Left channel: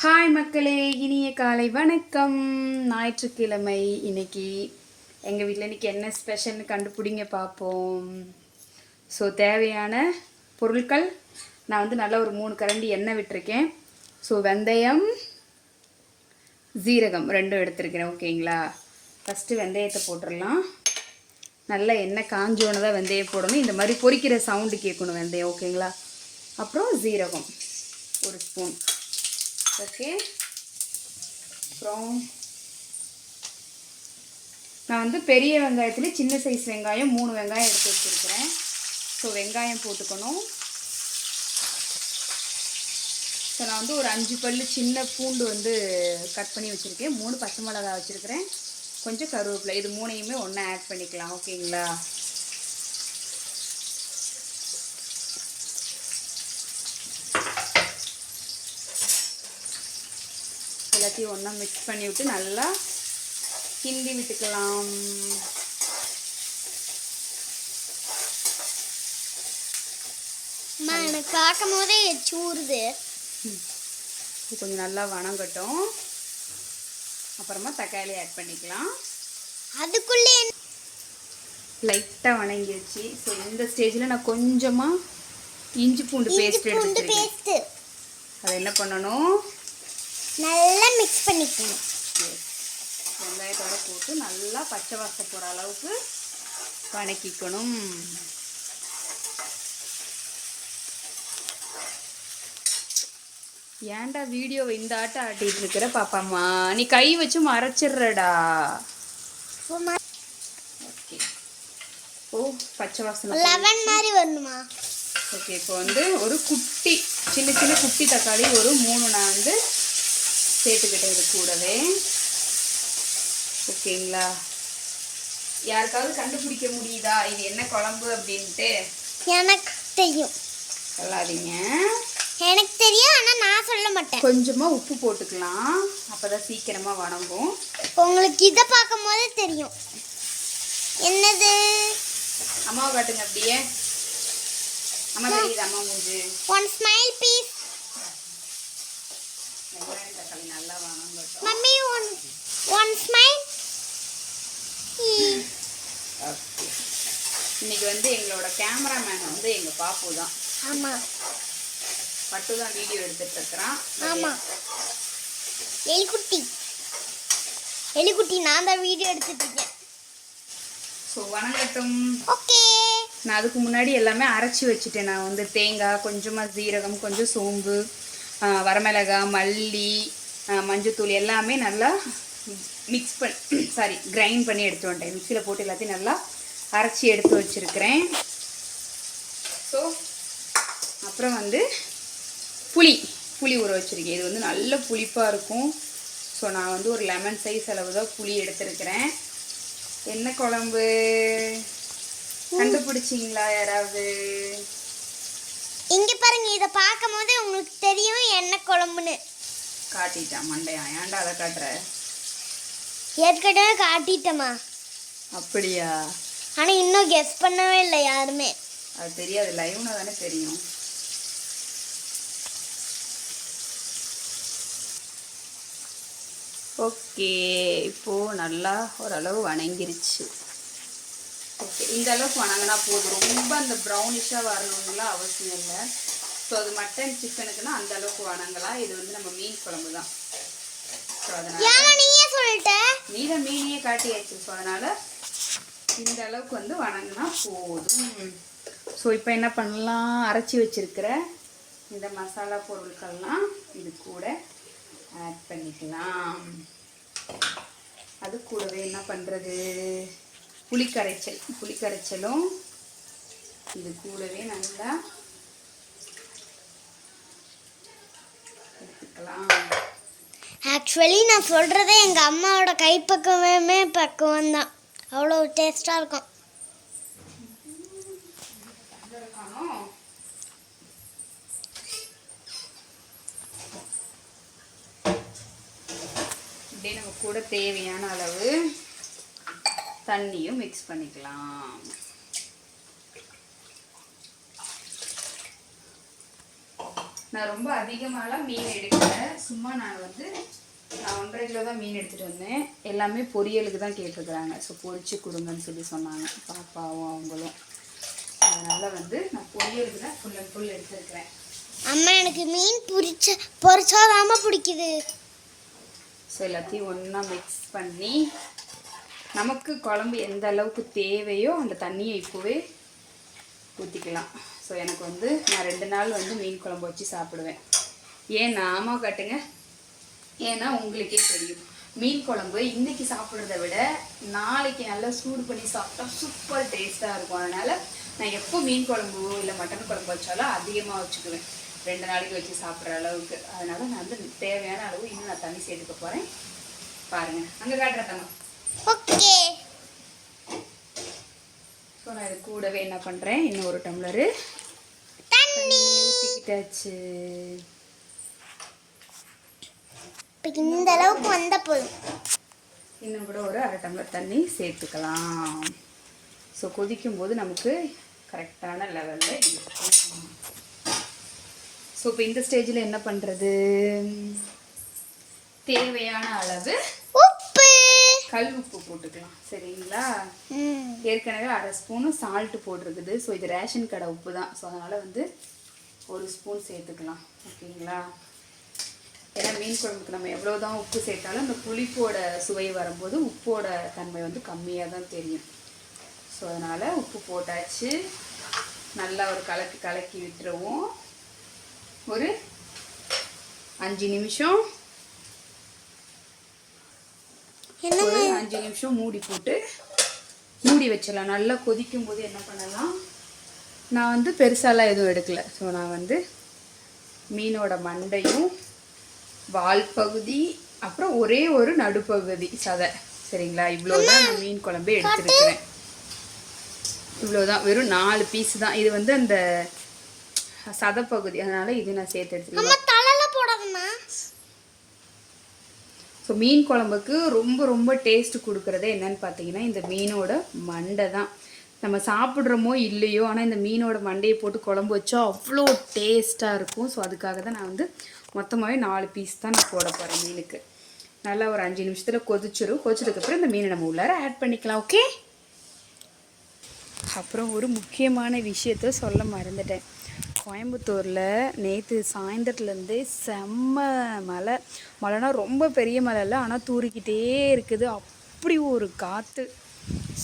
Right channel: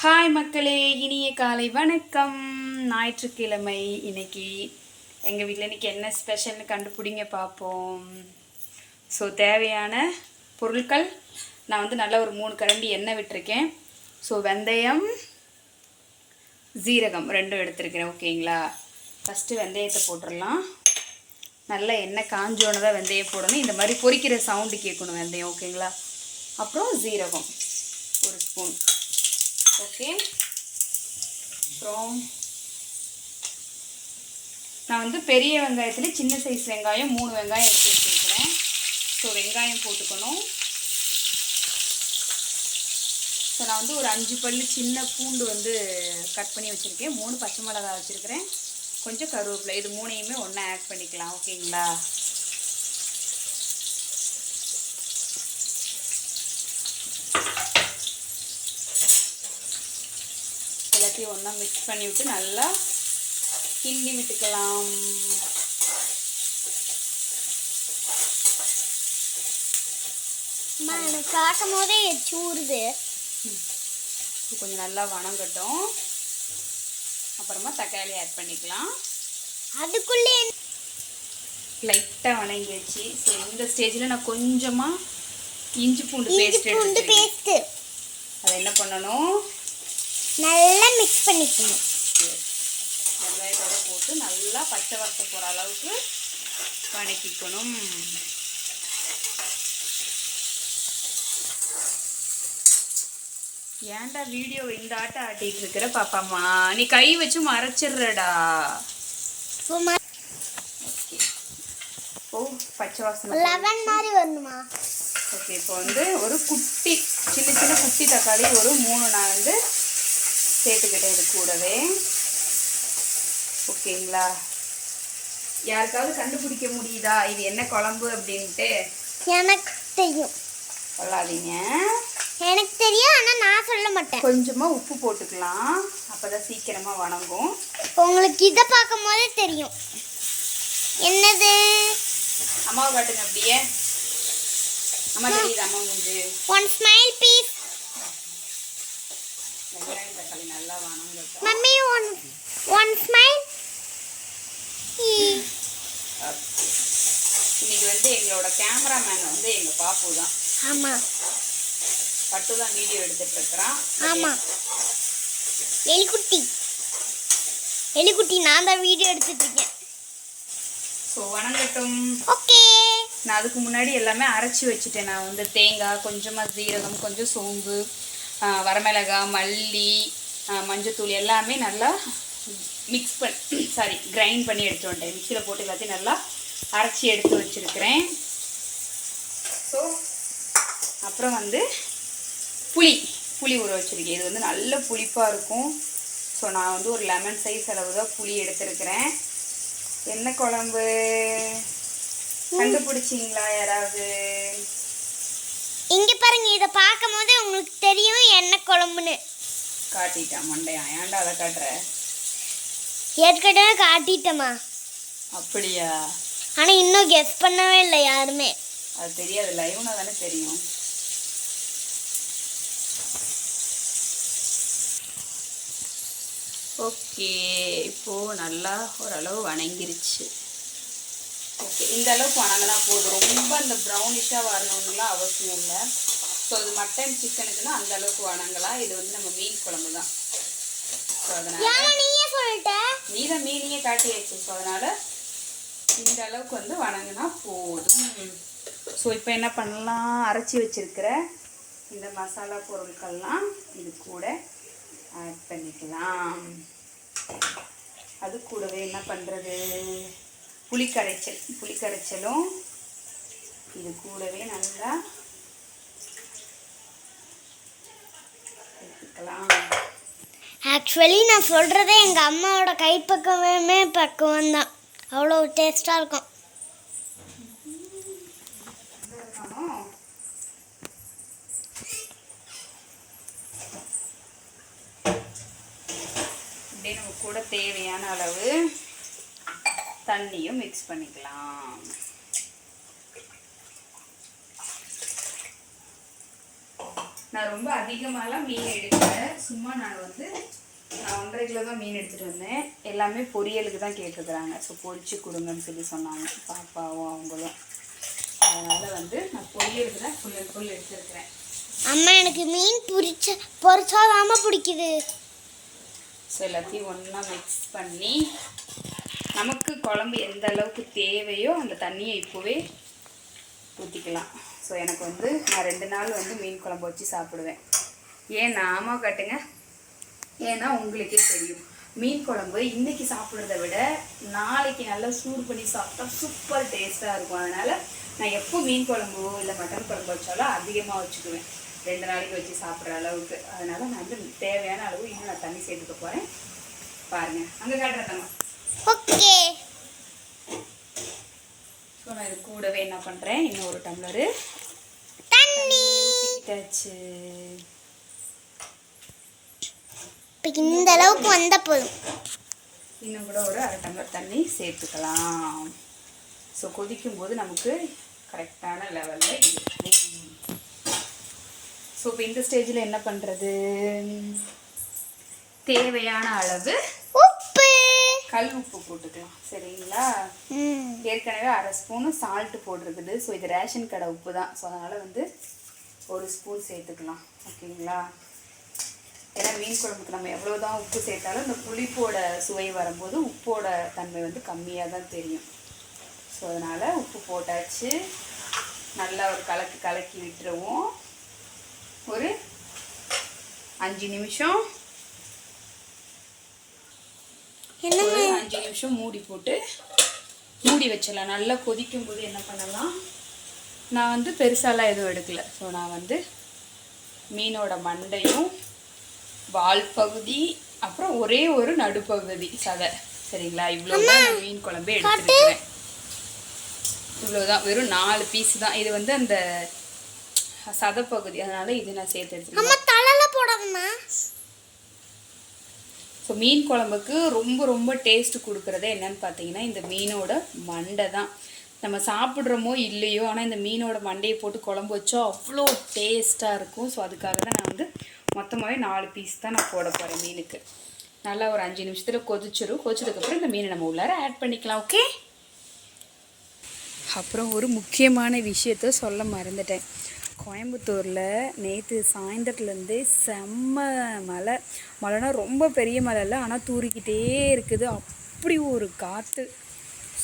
Hi மக்களே. இனிய காலை வணக்கம். ஞாயிற்றுக்கிழமை இன்னைக்கு எங்கள் வீட்டில் இன்னைக்கு என்ன ஸ்பெஷல்னு கண்டுபிடிங்க பார்ப்போம் ஸோ தேவையான பொருட்கள் நான் வந்து நல்லா ஒரு மூணு கரண்டி எண்ணெய் விட்டிருக்கேன். ஸோ வெந்தயம் ஜீரகம் ரெண்டும் எடுத்திருக்கிறேன் ஓகேங்களா ஃபஸ்ட்டு வெந்தயத்தை போட்டுடலாம். நல்லா எண்ணெய் காஞ்சோன்னு தான் வெந்தயம் போடணும். இந்த மாதிரி பொரிக்கிற சவுண்டு கேட்கணும் வெந்தயம் ஓகேங்களா அப்புறம் ஜீரகம் ஒரு ஸ்பூன் ஓகே. அப்புறம் நான் வந்து பெரிய வெங்காயத்தில் சின்ன சைஸ் வெங்காயம் மூணு வெங்காயம் எடுத்து வச்சுருக்கிறேன். ஸோ வெங்காயம் போட்டுக்கணும். ஸோ நான் வந்து ஒரு அஞ்சு பல்லு சின்ன பூண்டு வந்து கட் பண்ணி வச்சுருக்கேன். மூணு பச்சை மிளகா வச்சுருக்கிறேன். கொஞ்சம் கருவேப்பிலை. இது மூணையுமே ஒன்றா ஆட் பண்ணிக்கலாம். ஓகேங்களா? எல்லாத்தையும் ஒன்றா மிக்ஸ் பண்ணி விட்டு நல்லா கிண்டி விட்டுக்கலாம். பார்க்கும் போதே இது கொஞ்சம் நல்லா வணங்கட்டும். அப்புறமா தக்காளி ஆட் பண்ணிக்கலாம். அதுக்குள்ளே லைட்டாக வணங்கி வச்சு ஸோ இந்த ஸ்டேஜில் நான் கொஞ்சமாக இஞ்சி பூண்டு பேஸ்ட் பேஸ்ட்டு அதை என்ன பண்ணணும்? நல்லா மிக்ஸ் பண்ணிக்கணும். வெங்காயத்தோட போட்டு நல்லா பச்சை வாசம் போகிற அளவுக்கு வணக்கிக்கணும். ஏன்டா வீடியோவை இந்த ஆட்டம் ஆட்டிட்டு இருக்கிற பாப்பாம்மா நீ கை வச்சு மறைச்சிடுறடா. ஓகே ஓ பச்சை வாசனை மாதிரி வரணுமா? ஓகே இப்போ வந்து ஒரு குட்டி சின்ன சின்ன குட்டி தக்காளி ஒரு மூணு நான் வந்து சேர்த்துக்கிட்டேன் இது கூடவே. ஓகேங்களா? யாருக்காவது கண்டுபிடிக்க முடியுதா? இது என்ன குழம்பு அப்படின்ட்டு? எனக்கு தெரியும். சொல்லாதீங்க. எனக்கு தெரியும் ஆனால் நான் சொல்ல மாட்டேன். கொஞ்சமாக உப்பு போட்டுக்கலாம். அப்பதான் சீக்கிரமா வணங்கும். உங்களுக்கு இதை பார்க்கும் போதே தெரியும். என்னது? அம்மாவை காட்டுங்க அப்படியே. அம்மா தெரியுது அம்மா மூஞ்சு? ஒன் ஸ்மைல் பீஸ் வெங்காயம் தக்காளி நல்லா வணங்கட்டும் மம்மி ஒன் ஒன் ஸ்மைல் இன்னைக்கு வந்து எங்களோட கேமராமேன் வந்து எங்க பாப்பு தான். ஆமாம் பட்டு தான் வீடியோ எடுத்துட்டு இருக்கிறான். ஆமாம் எலிக்குட்டி. எலிக்குட்டி நான் தான் வீடியோ எடுத்துட்டு இருக்கேன். ஸோ வணங்கட்டும் ஓகே. நான் அதுக்கு முன்னாடி எல்லாமே அரைச்சி வச்சுட்டேன். நான் வந்து தேங்காய் கொஞ்சமாக ஜீரகம் கொஞ்சம் சோம்பு. வரமிளகாய் மல்லி மஞ்சத்தூள் எல்லாமே நல்லா மிக்ஸ் பண்ணி சாரி கிரைண்ட் பண்ணி எடுத்து வந்துட்டேன். மிக்சியில் போட்டு எல்லாத்தையும் நல்லா அரைச்சி எடுத்து வச்சுருக்கிறேன். ஸோ அப்புறம் வந்து புளி புளி ஊற வச்சுருக்கேன். இது வந்து நல்ல புளிப்பாக இருக்கும். ஸோ நான் வந்து ஒரு லெமன் சைஸ் அளவு தான் புளி எடுத்திருக்கிறேன். என்ன குழம்பு? கண்டுபிடிச்சிங்களா யாராவது? இங்க பாருங்க இதை பார்க்கும் போதே உங்களுக்கு தெரியும் என்ன குழம்புன்னு. காட்டிட்டான் மண்டையா? ஏன்டா அதை காட்டுற? ஏற்கனவே காட்டிட்டேம்மா. அப்படியா? ஆனா இன்னும் கெஸ் பண்ணவே இல்லை யாருமே. அது தெரியாது லைவ்னா தானே தெரியும். ஓகே இப்போது நல்லா ஓரளவு வணங்கிருச்சு. ஓகே இந்த அளவுக்கு வணங்கினா போதும். ரொம்ப அந்த ப்ரௌனிஷாக வரணும்லாம் அவசியம் இல்லை. ஸோ அது மட்டன் சிக்கனுக்குன்னா அந்த அளவுக்கு வணங்கலாம். இது வந்து நம்ம மீன் குழம்பு தான். ஸோ அதனால் நீ தான் மீனையே காட்டியாச்சு. ஸோ அதனால் இந்த அளவுக்கு வந்து வணங்கினா போதும். ஸோ இப்போ என்ன பண்ணலாம்? அரைச்சி வச்சிருக்கிற இந்த மசாலா பொருட்கள்லாம் இது கூட ஆட் பண்ணிக்கலாம். அது கூடவே என்ன பண்ணுறது புளிக்கரைச்சல். புளிக்கரைச்சலும் இது கூடவே நல்லா எடுத்துக்கலாம். ஆக்சுவலி நான் சொல்கிறதே எங்கள் அம்மாவோட கைப்பக்குவமே பக்குவம் தான் அவ்வளோ டேஸ்ட்டாக இருக்கும் காணோம் இப்படியே நம்ம கூட தேவையான அளவு தண்ணியும் மிக்ஸ் பண்ணிக்கலாம். நான் ரொம்ப அதிகமாலாம் மீன் எடுக்கல. சும்மா நான் வந்து நான் ஒன்றரை கிலோ தான் மீன் எடுத்துகிட்டு வந்தேன். எல்லாமே பொரியலுக்கு தான் கேட்டிருக்கிறாங்க ஸோ பொரிச்சு கொடுங்கன்னு சொல்லி சொன்னாங்க. பாப்பாவும் அவங்களும். அதனால் வந்து நான் பொரியலுக்கு தான் ஃபுல் அண்ட் ஃபுல் எடுத்துருக்கிறேன். அம்மா எனக்கு மீன் பொரிச்ச பொரிச்சாதாம பிடிக்குது. ஸோ எல்லாத்தையும் ஒன்றா மிக்ஸ் பண்ணி நமக்கு குழம்பு எந்த அளவுக்கு தேவையோ அந்த தண்ணியை இப்போவே ஊற்றிக்கலாம் ஸோ எனக்கு வந்து நான் ரெண்டு நாள் வந்து மீன் குழம்பு வச்சு சாப்பிடுவேன். ஏன் நாம காட்டுங்க? ஏன்னா உங்களுக்கே தெரியும். மீன் குழம்பு இன்றைக்கி சாப்பிட்றத விட நாளைக்கு நல்லா சூடு பண்ணி சாப்பிட்டா சூப்பர் டேஸ்ட்டாக இருக்கும். அதனால் நான் எப்போ மீன் குழம்பு இல்லை மட்டன் குழம்பு வச்சாலும் அதிகமாக வச்சுக்குவேன். ரெண்டு நாளைக்கு வச்சு சாப்பிட்ற அளவுக்கு. அதனால் நான் வந்து தேவையான அளவு இன்னும் நான் தண்ணி சேர்த்துக்க போகிறேன் பாருங்கள் அங்கே காட்டுறேன் ஓகே. ஸோ நான் இது கூடவே என்ன பண்ணுறேன் இன்னும் ஒரு டம்ளரு. தண்ணி. ஊற்றிக்கிட்டாச்சு இப்போ இந்த அளவுக்கு வந்த போதும். இன்னும் கூட ஒரு அரை டம்ளர் தண்ணி சேர்த்துக்கலாம். ஸோ கொதிக்கும்போது நமக்கு கரெக்டான லெவலில் இருக்கும் ஸோ இப்போ இந்த ஸ்டேஜில் என்ன பண்ணுறது தேவையான அளவு உப்பு. கல் உப்பு போட்டுக்கலாம். சரிங்களா? ஏற்கனவே அரை ஸ்பூனு சால்ட்டு போட்டிருக்குது. ஸோ இது ரேஷன் கடை உப்பு தான். ஸோ அதனால் வந்து ஒரு ஸ்பூன் சேர்த்துக்கலாம். ஓகேங்களா? ஏன்னா மீன் குழம்புக்கு நம்ம எவ்வளோ தான் உப்பு சேர்த்தாலும் அந்த புளிப்போட சுவை வரும்போது உப்போட தன்மை வந்து கம்மியாக தான் தெரியும். ஸோ அதனால் உப்பு போட்டாச்சு. நல்லா ஒரு கலக்கி கலக்கி விட்டுருவோம். ஒரு அஞ்சு நிமிஷம். என்ன அஞ்சு நிமிஷம் மூடி போட்டு மூடி வச்சிடலாம். நல்லா கொதிக்கும் போது என்ன பண்ணலாம்? நான் வந்து பெருசாலாம் எதுவும் எடுக்கல. ஸோ நான் வந்து மீனோட மண்டையும் வால் பகுதி அப்புறம் ஒரே ஒரு நடுப்பகுதி சதை. சரிங்களா? இவ்வளோதான் நான் மீன் குழம்பே எடுத்துருக்கிறேன். இவ்வளோதான் வெறும் நாலு பீஸ் தான். இது வந்து அந்த சதைப்பகுதி அதனால இது நான் சேர்த்து எடுத்துருக்கேன் ஸோ மீன் குழம்புக்கு ரொம்ப ரொம்ப டேஸ்ட் கொடுக்குறதே என்னன்னு பார்த்தீங்கன்னா இந்த மீனோட மண்டை தான். நம்ம சாப்பிட்றோமோ இல்லையோ ஆனால் இந்த மீனோட மண்டையை போட்டு குழம்பு வச்சா அவ்வளோ டேஸ்ட்டாக இருக்கும். ஸோ அதுக்காக தான் நான் வந்து மொத்தமாகவே நாலு பீஸ் தான் நான் போட போகிறேன் மீனுக்கு. நல்லா ஒரு அஞ்சு நிமிஷத்தில் கொதிச்சிடும் கொதிச்சதுக்கப்புறம் இந்த மீனை நம்ம உள்ளார ஆட் பண்ணிக்கலாம் ஓகே அப்புறம் ஒரு முக்கியமான விஷயத்த சொல்ல மறந்துட்டேன். கோயம்புத்தூரில் நேற்று சாயந்தரத்துலேருந்தே செம்ம மலை மழைனா ரொம்ப பெரிய மலை இல்லை ஆனால் தூரிக்கிட்டே இருக்குது. அப்படி ஒரு காற்று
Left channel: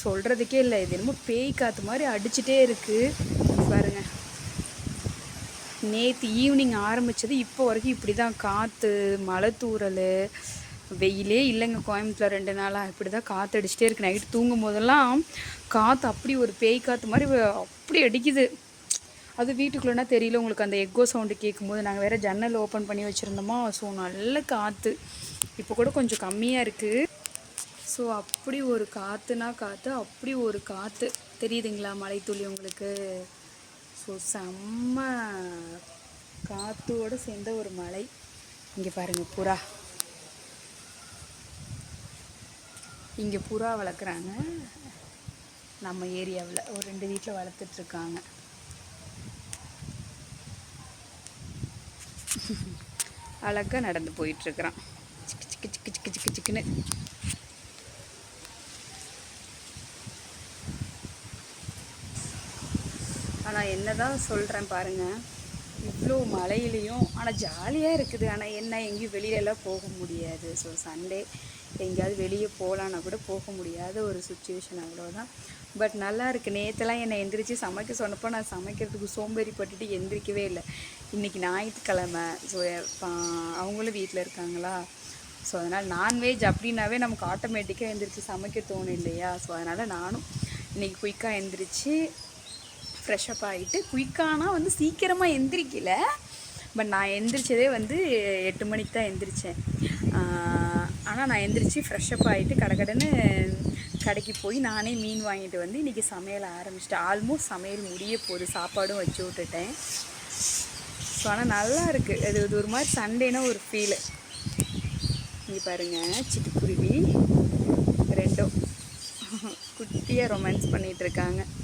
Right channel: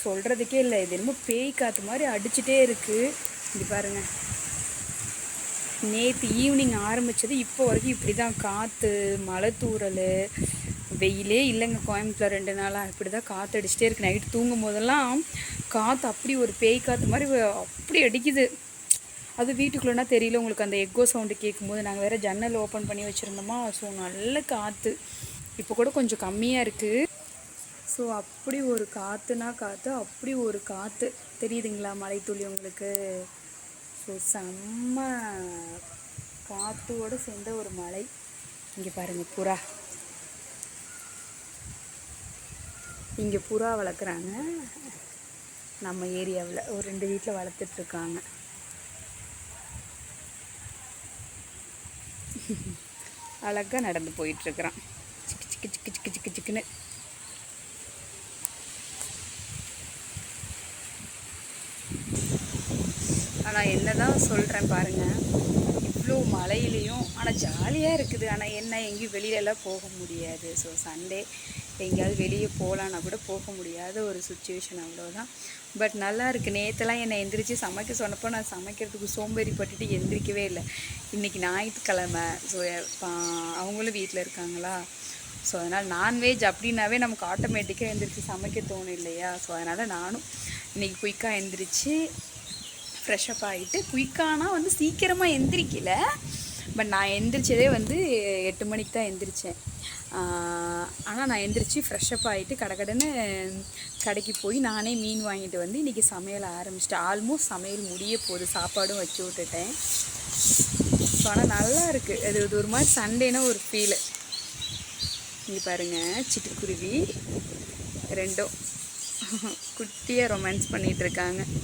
சொல்கிறதுக்கே இல்லை இது என்னமோ பேய் காற்று மாதிரி அடிச்சிட்டே இருக்குது பாருங்கள் நேற்று ஈவினிங் ஆரம்பித்தது இப்போ வரைக்கும் இப்படி தான் காற்று மலை தூறல். வெயிலே இல்லைங்க. கோயம்புத்தூர் ரெண்டு நாளாக இப்படி தான் காற்று அடிச்சிட்டே இருக்கு. நைட்டு தூங்கும் போதெல்லாம் காற்று அப்படி ஒரு பேய் காற்று மாதிரி அப்படி அடிக்குது. அது வீட்டுக்குள்ளேனா தெரியல. உங்களுக்கு அந்த எக்கோ சவுண்டு கேட்கும்போது நாங்கள் வேறு ஜன்னல் ஓப்பன் பண்ணி வச்சுருந்தோமா. ஸோ நல்ல காற்று இப்போ கூட கொஞ்சம் கம்மியாக இருக்குது ஸோ அப்படி ஒரு காற்றுனா காற்று அப்படி ஒரு காற்று தெரியுதுங்களா மலைத்துளி உங்களுக்கு? ஸோ செம்ம காற்றோடு சேர்ந்த ஒரு மலை இங்கே பாருங்கள் புறா. இங்கே புறா வளர்க்குறாங்க. நம்ம ஏரியாவில் ஒரு ரெண்டு வீட்டில் வளர்த்துட்ருக்காங்க. அழகாக நடந்து போயிட்டுருக்குறான் சிக்கு சிக்கு சிக்கு சிக்கு சிக்கு சிக்குன்னு. ஆனால் என்ன தான் சொல்கிறேன் பாருங்கள் இவ்வளோ மழையிலையும் ஆனால் ஜாலியாக இருக்குது. ஆனால் என்ன எங்கேயும் வெளியிலலாம் போக முடியாது. ஸோ சண்டே எங்கேயாவது வெளியே போகலான்னா கூட போக முடியாத ஒரு சுச்சுவேஷன் அவ்வளோதான் பட் நல்லா இருக்குது நேற்றுலாம் என்னை எந்திரிச்சு சமைக்க சொன்னப்போ நான் சமைக்கிறதுக்கு சோம்பேறிப்பட்டுட்டு எந்திரிக்கவே இல்லை. இன்றைக்கி ஞாயிற்றுக்கிழமை. ஸோ அவங்களும் வீட்டில் இருக்காங்களா? ஸோ அதனால் நான்வெஜ் அப்படின்னாவே நமக்கு ஆட்டோமேட்டிக்காக எந்திரிச்சு சமைக்க தோணும் இல்லையா? ஸோ அதனால் நானும் இன்றைக்கி குயிக்காக எந்திரிச்சு ஃப்ரெஷ்அப் ஆகிட்டு குயிக்கானா வந்து சீக்கிரமாக எந்திரிக்கல. பட் நான் எந்திரிச்சதே வந்து எட்டு மணிக்கு தான் எந்திரிச்சேன். ஆனால் நான் எந்திரிச்சு ஃப்ரெஷ்அப் ஆகிட்டு கடகடன்னு கடைக்கு போய் நானே மீன் வாங்கிட்டு வந்து இன்றைக்கி சமையல் ஆரம்பிச்சிட்டேன் ஆல்மோஸ்ட் சமையல் முடிய போகுது. சாப்பாடும் வச்சு விட்டுட்டேன். ஸோ ஆனால் நல்லா இருக்குது அது இது ஒரு மாதிரி சண்டேனா ஒரு ஃபீலு இங்கே பாருங்கள் சிட்டுக்குருவி ரெண்டும். குட்டியாக ரொமான்ஸ் பண்ணிகிட்ருக்காங்க இருக்காங்க.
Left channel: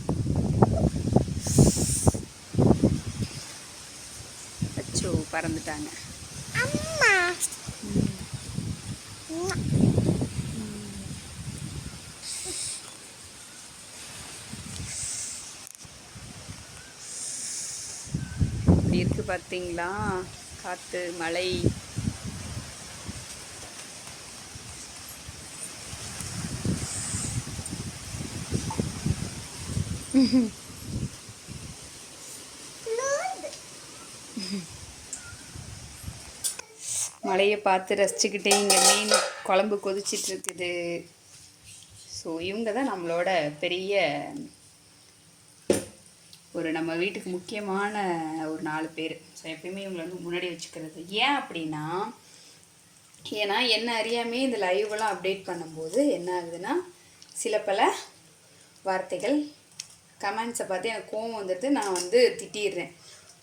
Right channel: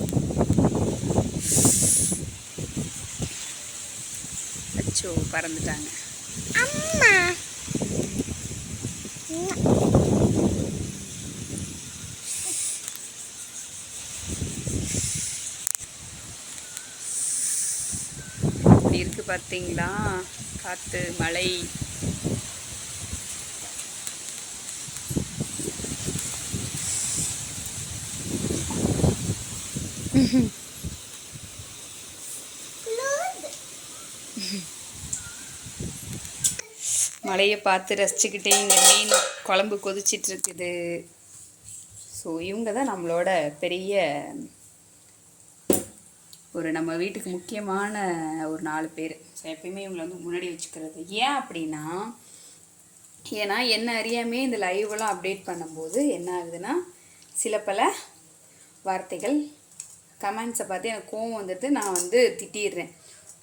அச்சோ பறந்துட்டாங்க. அம்மா. இப்படி இருக்கு பார்த்தீங்களா? காற்று மழை. மழையை பார்த்து ரசிச்சுக்கிட்டே இங்கே மீன் குழம்பு கொதிச்சிட்டு இருக்குது ஸோ இவங்க தான் நம்மளோட பெரிய ஒரு நம்ம வீட்டுக்கு முக்கியமான ஒரு நாலு பேர். ஸோ எப்பயுமே இவங்களை வந்து முன்னாடி வச்சுக்கிறது. ஏன் அப்படின்னா ஏன்னா என்ன அறியாமே இந்த லைவெல்லாம் அப்டேட் பண்ணும்போது என்ன ஆகுதுன்னா சில பல வார்த்தைகள் கமெண்ட்ஸை பார்த்து எனக்கு கோவம் வந்துட்டு நான் வந்து திட்டிடுறேன்.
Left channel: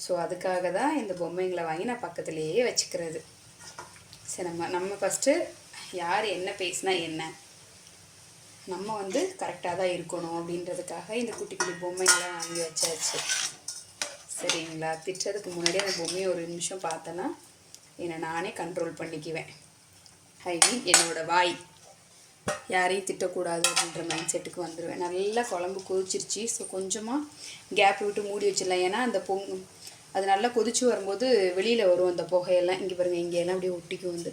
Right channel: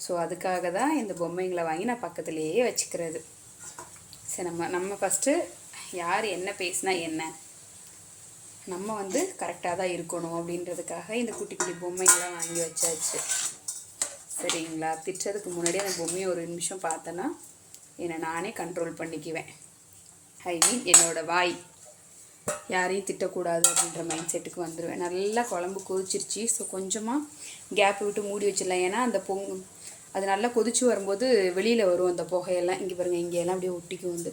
ஸோ அதுக்காக தான் இந்த பொம்மைங்களை வாங்கி நான் பக்கத்துலேயே வச்சுக்கிறது. சரி நம்ம நம்ம ஃபஸ்ட்டு யார் என்ன பேசினா என்ன? நம்ம வந்து கரெக்டாக தான் இருக்கணும் அப்படின்றதுக்காக இந்த குட்டி குட்டி பொம்மைங்களாம் வாங்கி வச்சாச்சு. சரிங்களா? திட்டுறதுக்கு முன்னாடி அந்த பொம்மையை ஒரு நிமிஷம் பார்த்தேன்னா என்னை நானே கண்ட்ரோல் பண்ணிக்குவேன். ஐ மீன் என்னோட வாய். யாரையும் திட்டக்கூடாது அப்படின்ற மைண்ட் செட்டுக்கு வந்துடுவேன் நல்லா குழம்பு கொதிச்சிருச்சு. ஸோ கொஞ்சமாக கேப் விட்டு மூடி வச்சிடலாம். ஏன்னா அந்த பொங் அது நல்லா கொதிச்சு வரும்போது வெளியில் வரும் அந்த புகையெல்லாம். இங்கே பாருங்கள் இங்கேயெல்லாம் அப்படியே ஒட்டிக்கும் வந்து.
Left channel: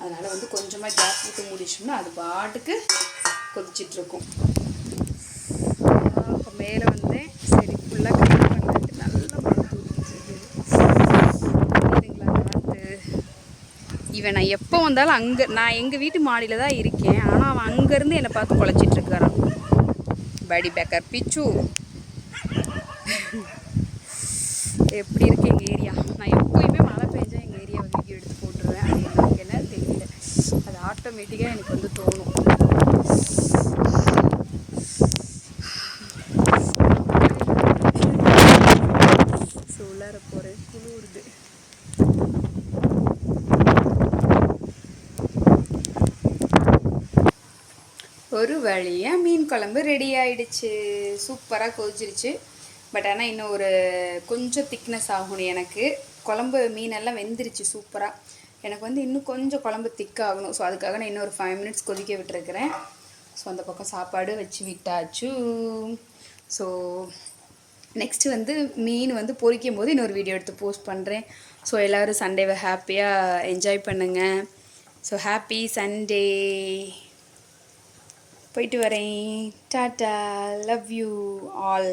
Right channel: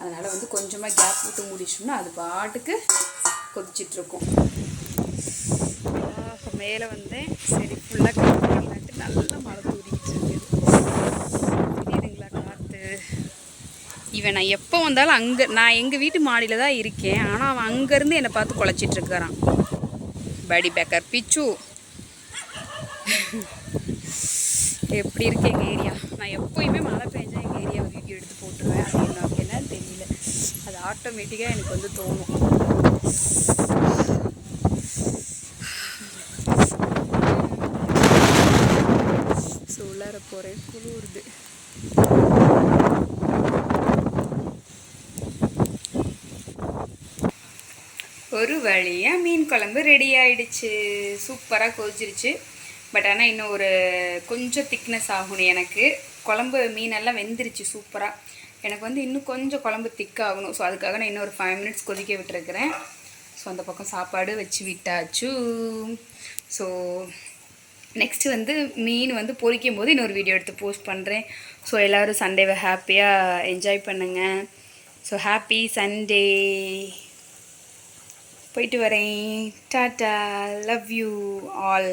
அதனால் வந்து கொஞ்சமாக கேப் விட்டு மூடிச்சோம்னா அது பாட்டுக்கு கொதிச்சிட்ருக்கும். மேலே வந்தேன் சரி ஃபுல்லாக கலந்துட்டு நல்லா மழை தூரிக்கிட்டு காற்று இவன் நான் எப்போ வந்தாலும் அங்கே நான் எங்கள் வீட்டு மாடியில் தான் இருக்கேன். ஆனால் அவன் அங்கேருந்து என்னை பார்த்து குழச்சிட்ருக்கிறான் படி பேக்கர் பிச்சு எப்படி இருக்கு எங்கள் ஏரியா? நான் எப்போயுமே மழை பெஞ்சா எங்கள் ஏரியாவை வீடியோ எடுத்து போட்டுருவேன். அது எனக்கு என்னன்னு தெரியல. அது ஆட்டோமேட்டிக்காக எனக்கு வந்து தோணும். ஸோ உள்ளார போகிறேன் குளிருது. ஒரு வழியாக மீன் குழம்பு ரெடி ஆயிடுச்சு. சூப்பராக கொதிச்சிருச்சு. பட் ஆனால் இன்னும் ஒரு கொஞ்சம் திக்னஸ் ஆகணும் எனக்கு. குழம்பு மீனெல்லாம் வெந்துருச்சு சூப்பராக எனக்கு வந்து இன்னும் கொஞ்சம் குழம்பு திக்காகணும் ஸோ அதுக்காக நான் இன்னும் ஒரு ஃபைவ் மினிட்ஸ் கொதிக்க விட்டுருக்கிறேன். ஸோ அந்த பக்கம் சாப்பாடு வச்சு விட்டாச்சு. ஸோ நெக்ஸ்ட்டு வந்து மீன் வந்து பொறிக்கும் போது இன்னொரு வீடியோ எடுத்து போஸ்ட் பண்ணுறேன் ஸோ எல்லோரும் சண்டேவை ஹாப்பியாக என்ஜாய் பண்ணுங்கள் ஸோ ஹாப்பி சண்டே போயிட்டு வரேன். Tata love you all